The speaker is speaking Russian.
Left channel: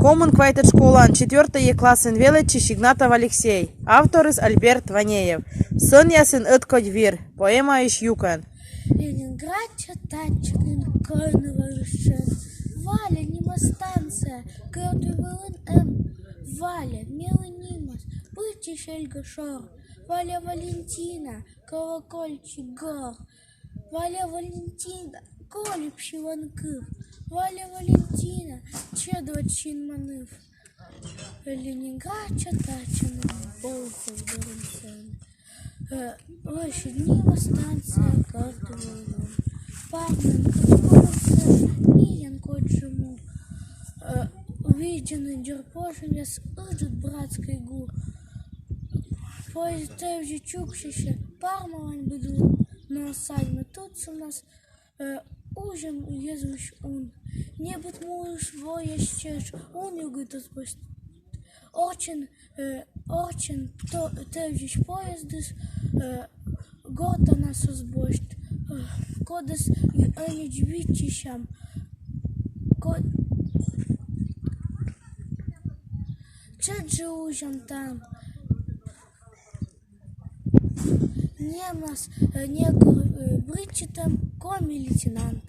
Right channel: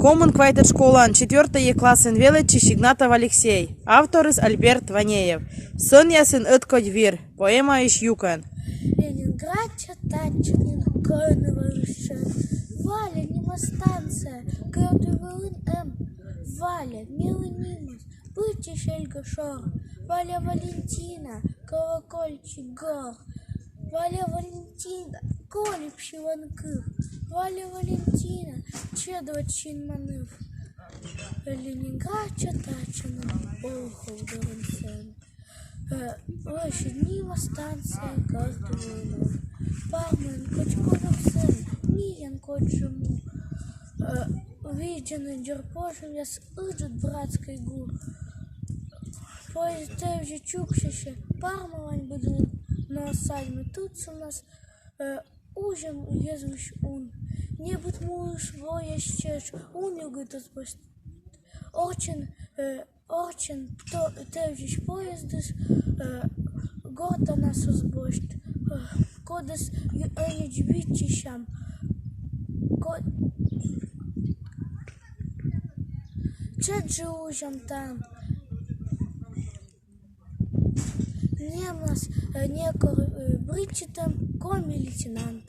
Коммун квайтер школан 4 классен величи Игнатов Алексей. Авторис Альберт Ванеев. Сын ясын ыткодь вир. Поэма иш юкан. Ленинград читачный конвышен. Валя, нима станция, кардывалын Валя, милый нимас, пыти шельга шор. Валя Валентина, колокольчик гор. Валя Валентина, колепши ванкыв. Валя Валентина, чедвачин маныв. Ленинград читачный полфов дорынсен. Лошадь нима станция, кардывалын. Пармен, кочколюксен, милен коджему. Виден дерпошен, яс идут братской гур. Поезд же чукшище, пармалань буду на сальме. Тут у нас ужем езвуш он. Не будь муж воящеш, он югит отпусть. Орчен, тевжиш поездыс, горта нас узбощт. Кодес юанич витишам. Чет же ужем там. Немас некор бричитам коми лейтенант.